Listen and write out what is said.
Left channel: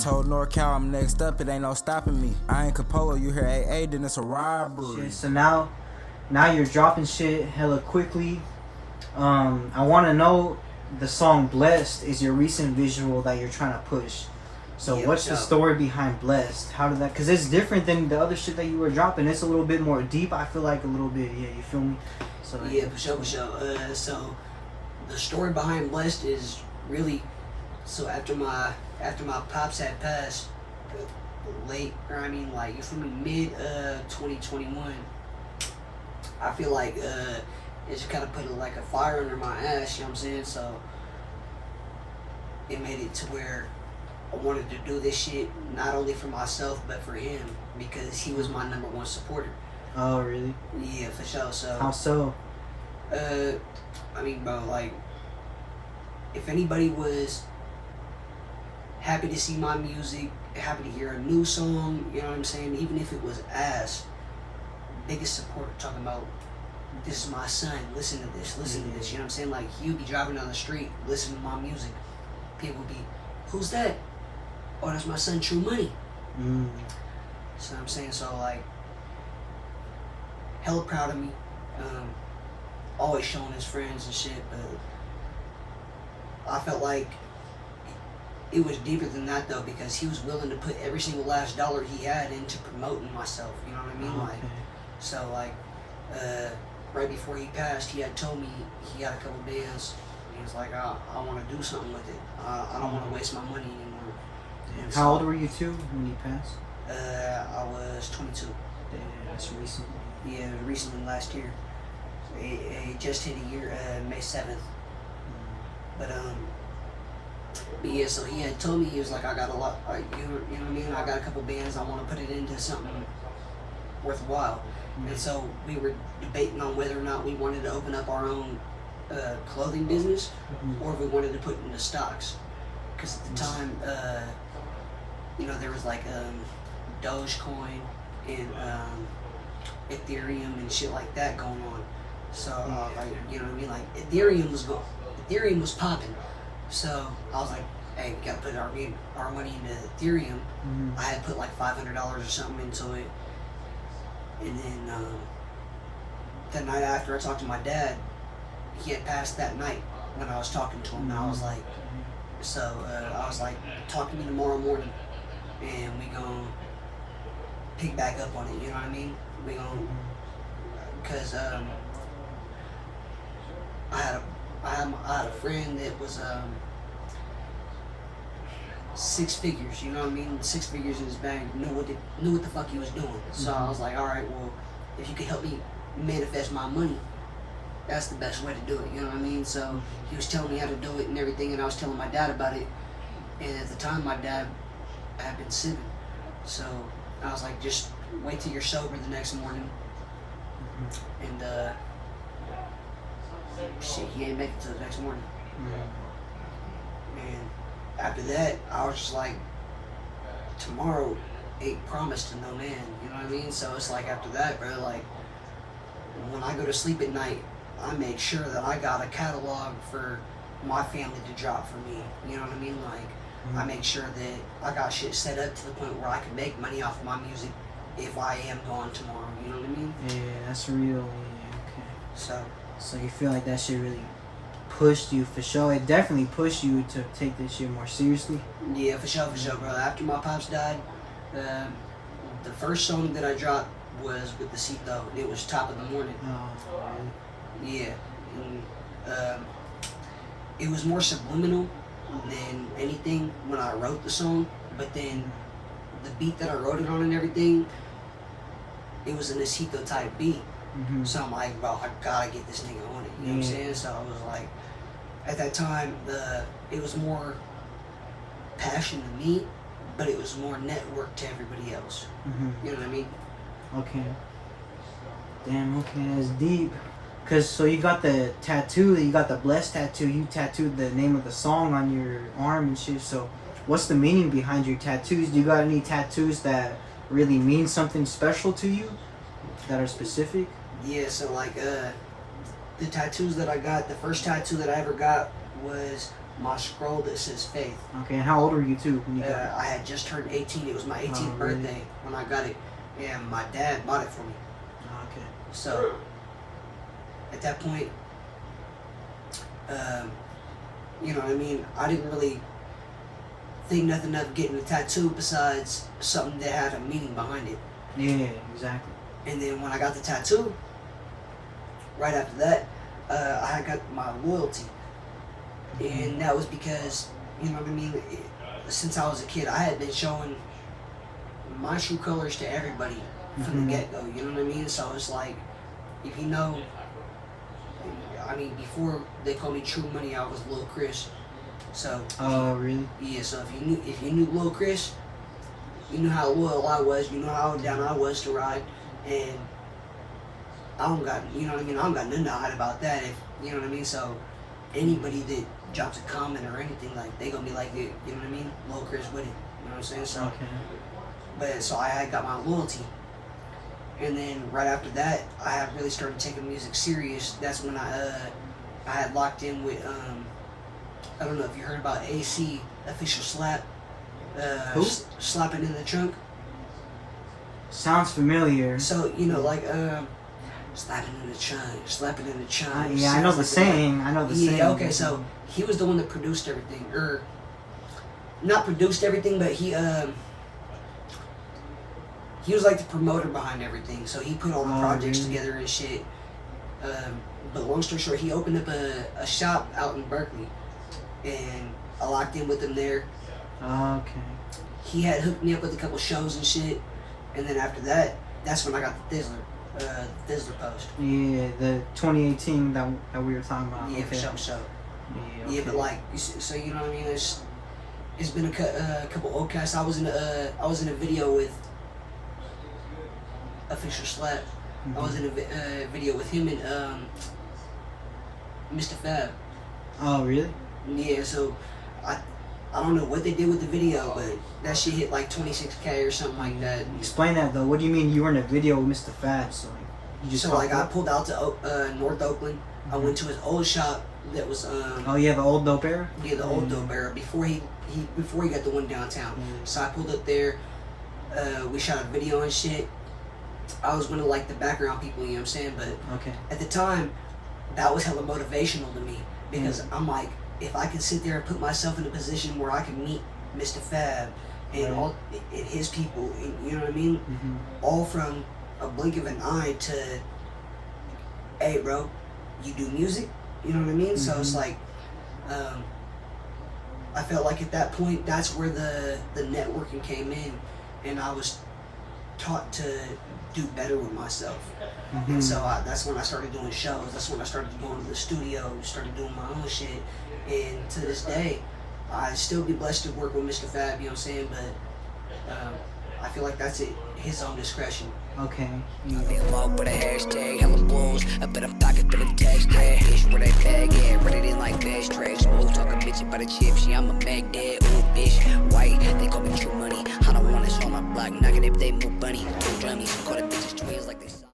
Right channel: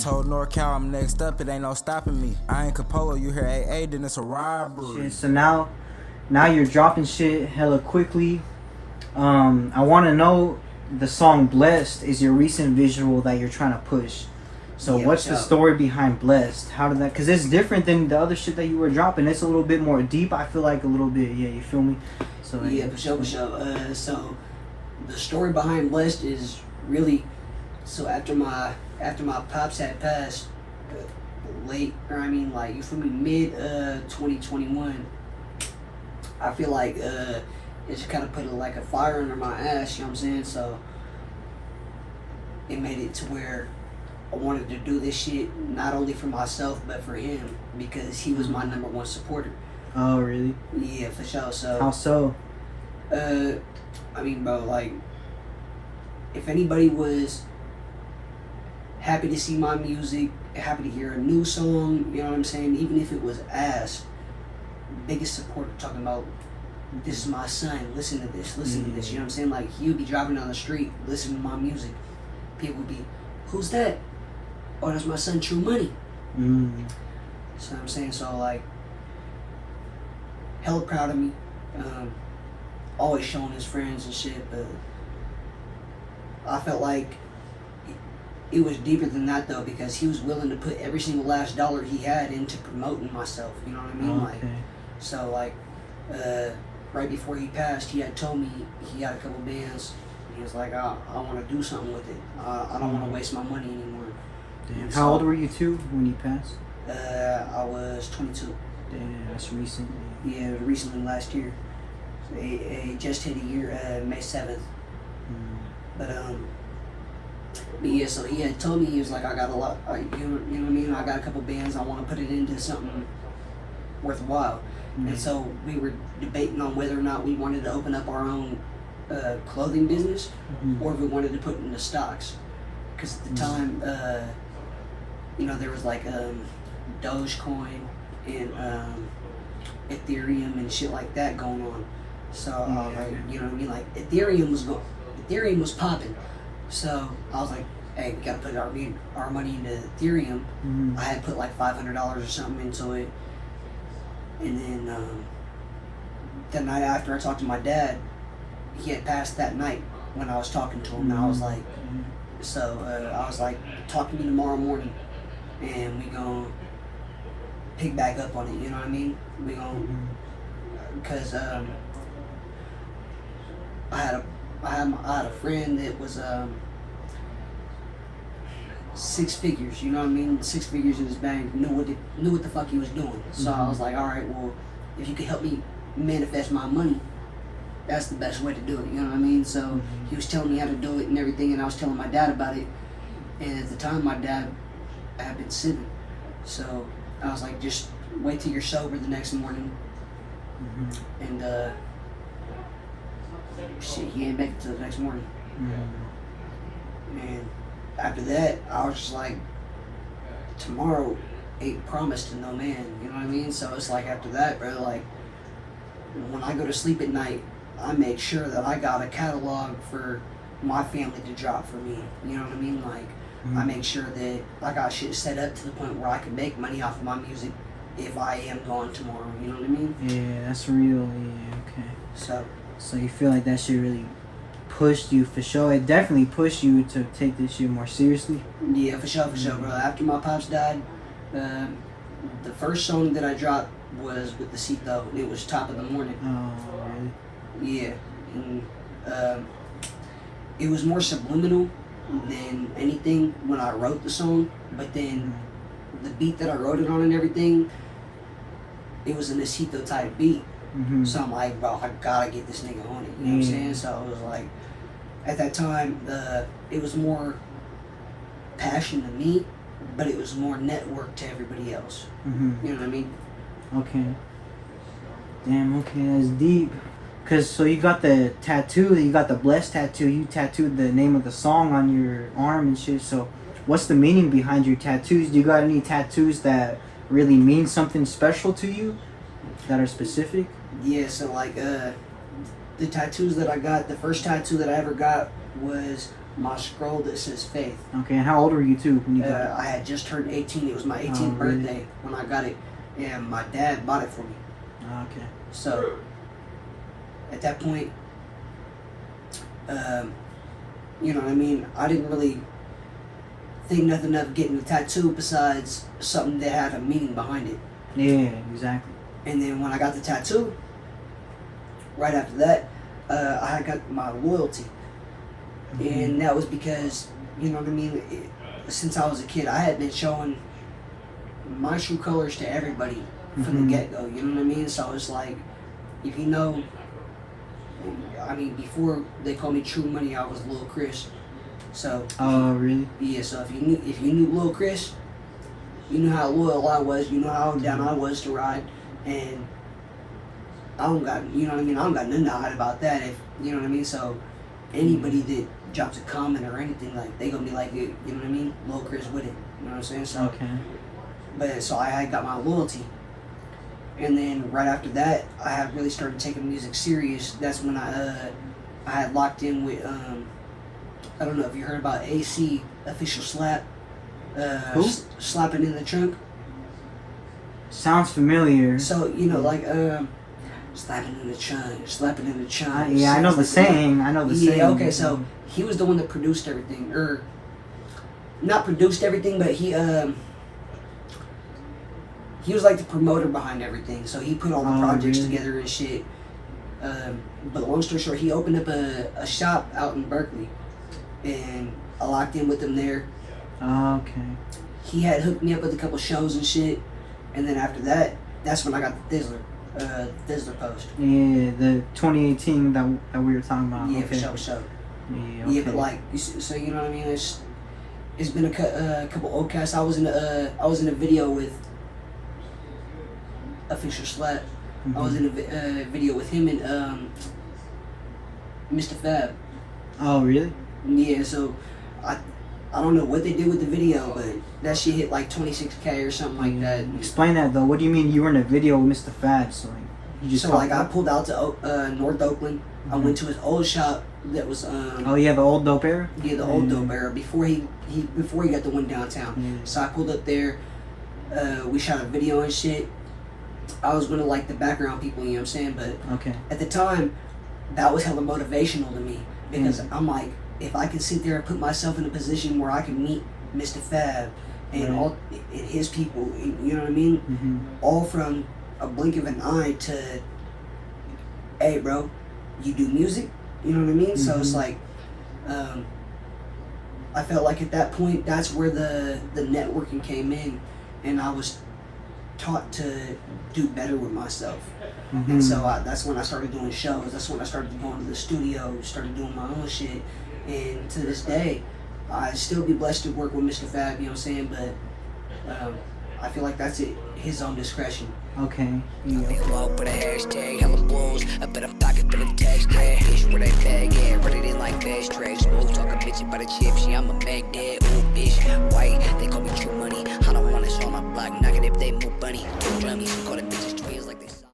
told NorCal I'm next up, it ain't no stopping me. I ain't Capolo, you hear AA, then it's a robbery. Shit, so now you're dropping shit hella quickly. I want to know, the song Blessed is your recent visual that you're trying to push. So what's the story behind Blessed? How did that, because it's different than the other shit that you were dropping. It's a little bit more deep, I feel like, a little bit, yeah, you feel me? So yeah, for sure. So the story behind Blessed is really, so after my pops had passed, mid 2021, I feel like it just kind of put like a fire under my ass, you know what I'm saying? So it made it to where I wanted to do this shit not only for myself but for him, because he was my #1 supporter. Oh, really? Yeah, for sure. So how so? I mean, bro, like, if anybody was happy to see my music, happy to hear a new song, you know what I'm saying, even if it was ass, biggest supporter talking about, this is my son, listen to this, you know what I'm saying? Like, he would be driving down the street, listening to my music. People would be, who's that? Oh, that's my son, TruMoney. So I'm saying, so like, hella proud of me. Always showing his friends and shit, but I felt like it was deeper than that though, because he was willing to put every single last dollar he had into promoting myself, you know what I mean? Okay. Like, so like, right before he passed, he had told me he had a couple bands. He was like, I want to do something with it. I don't want to waste my money anymore. How old were you two when he passed? I was 22. Yeah, that's recently. Yeah, recently, last year. It just hit a year, May 7th. But yeah, so he had told me, he was like, I got a lot, you know what I mean? I got a couple bands, I want to put it into something worthwhile. And so we were debating on whether or not we wanted to open up our own clothing business, or if we wanted to put it into stocks. Because at the time, you know, there was like Dogecoin and Ethereum and shit like that going on. So like, you know what I mean? Like, Ethereum was popping. So I was like, hey, we gotta put our money into Ethereum. I had put like $500 or something into it. And then the night after I talked to my dad, he had passed that night when I was talking to him. And I was like, I was like, talk to me tomorrow morning and we gonna pick back up on it, you know what I mean? We gonna, because I had a friend that was 6 figures, you know what I mean? 6 figures in his bank, knew what the fuck he was doing. So I was like, all right, well, if you could help me manifest my money, that's the best way to do it, you know what I mean? So he was telling me how to do it and everything, and I was telling my dad about it. And at the time, my dad had been sipping. So I was like, just wait till you're sober the next morning. And shit, he ain't make it till the next morning. And after that, I was just like, tomorrow ain't promised to no man, you know what I mean? So it's like, after that, bro, like, when I go to sleep at night, I make sure that I got a catalog for my family to drop for me, you know what I mean? Like, I make sure that I got shit set up to the point where I can make money off of my music if I am gone tomorrow, you know what I mean? Yeah, that's real, yeah, okay. So you feel like that shit really pushed you, for sure? It definitely pushed you to take this shit more seriously? Yeah, for sure, bro. After my pops died, the first song that I dropped was with the Cito, and it was Top of the Morning. Oh, really? Yeah, and it was more subliminal than anything when I wrote the song, but then the beat that I wrote it on and everything, it was a Nasito type beat. So I'm like, bro, I gotta get this nigga on it, you know what I'm saying? So I was like, at that time, it was more passion to me, but it was more network to everybody else. You know what I mean? Okay. Damn, okay, that's deep. Cause so you got the tattoo, you got the Blessed tattoo, you tattooed the name of the song on your arm and shit, so what's the meaning behind your tattoos? Do you got any tattoos that really mean something special to you, that are specific? Yeah, so like, the tattoos that I got, the first tattoo that I ever got was my scroll that says Faith. Okay, and how old were you too when you got it? I had just turned 18. It was my 18th really? birthday when I got it, and my dad bought it for me. Okay. So at that point, you know what I mean? I didn't really think nothing of getting a tattoo besides something that had a meaning behind it. Yeah, exactly. And then when I got the tattoo, right after that, I had got my loyalty. And that was because, you know what I mean, since I was a kid, I had been showing my true colors to everybody from the get-go, you know what I mean? So it's like, if you know, I mean, before they called me TruMoney, I was Lil Chris. So, oh, really? yeah, so if you knew Lil Chris, you knew how loyal I was, you know how down I was to ride, and I don't got, you know what I mean, I don't got nothing to hide about that, if, you know what I mean? So anybody that drops a comment or anything, like, they gonna be like, you know what I mean, Lil Chris with it, you know what I'm saying? So, Okay. but so I had got my loyalty, and then right after that, I had really started taking music serious. That's when I had locked in with I don't know if you heard about AC Official Slap, slapping in the trunk. Sounds familiar. So you know, like slapping in the trunk, slapping in the trunk. Yeah, I know the saying. I know the saying. Yeah, okay. So he was the one that produced everything, or not produced everything, but he was like the promoter behind everything. So he put all the projects together and shit. But long story short, he opened up a shop out in Berkeley, and I locked in with him there. Okay. He had hooked me up with a couple shows and shit, and then after that, that's when I got the Thizzler post. Yeah, the 2018 that we were talking about. Yeah, okay. for sure. Yeah, Yeah, okay. but like, so you know what I mean? It's been a couple old casts. I was in a video with Official Slap. I was in a video with him and Mr. Fab. Oh, really? Yeah, so I don't know what they did with the video, but that shit hit like 26K or something like that. Explain that though. What do you mean you were in a video with Mr. Fab? So like, you just I pulled out to North Oakland. I went to his old shop that was oh yeah, the old dope era. yeah, the old dope era before he got the one downtown. So I pulled up there. We shot a video and shit. I was one of like the background people, you know what I'm saying? But Okay. at the time, that was hella motivational to me because I'm like, if I can sit there and put myself in a position where I can meet Mr. Fab and all and his people, and, you know what I mean? All from a blink of an eye to, hey, bro, you do music, you know what I mean? So it's like, I felt like at that point, that's where the networking came in, and I was taught to do better with myself. And so that's when I started doing shows. That's when I started going to the studio, started doing my own shit. And to this day, I still be blessed to work with Mr. Fab, you know what I'm saying? But I feel like that's at his own discretion. Okay. I be low for the hashtag, hella blows. I bet I'm pocket for the text, yeah. Fish where they bag, yeah. Run it in like fast tracks. Smooth talking bitch about the chips, yeah. I'm a Magdad, ooh, bitch. White, they call me TruMoney. I don't want us on my block, knock it if they move bunny. Two drummies, call it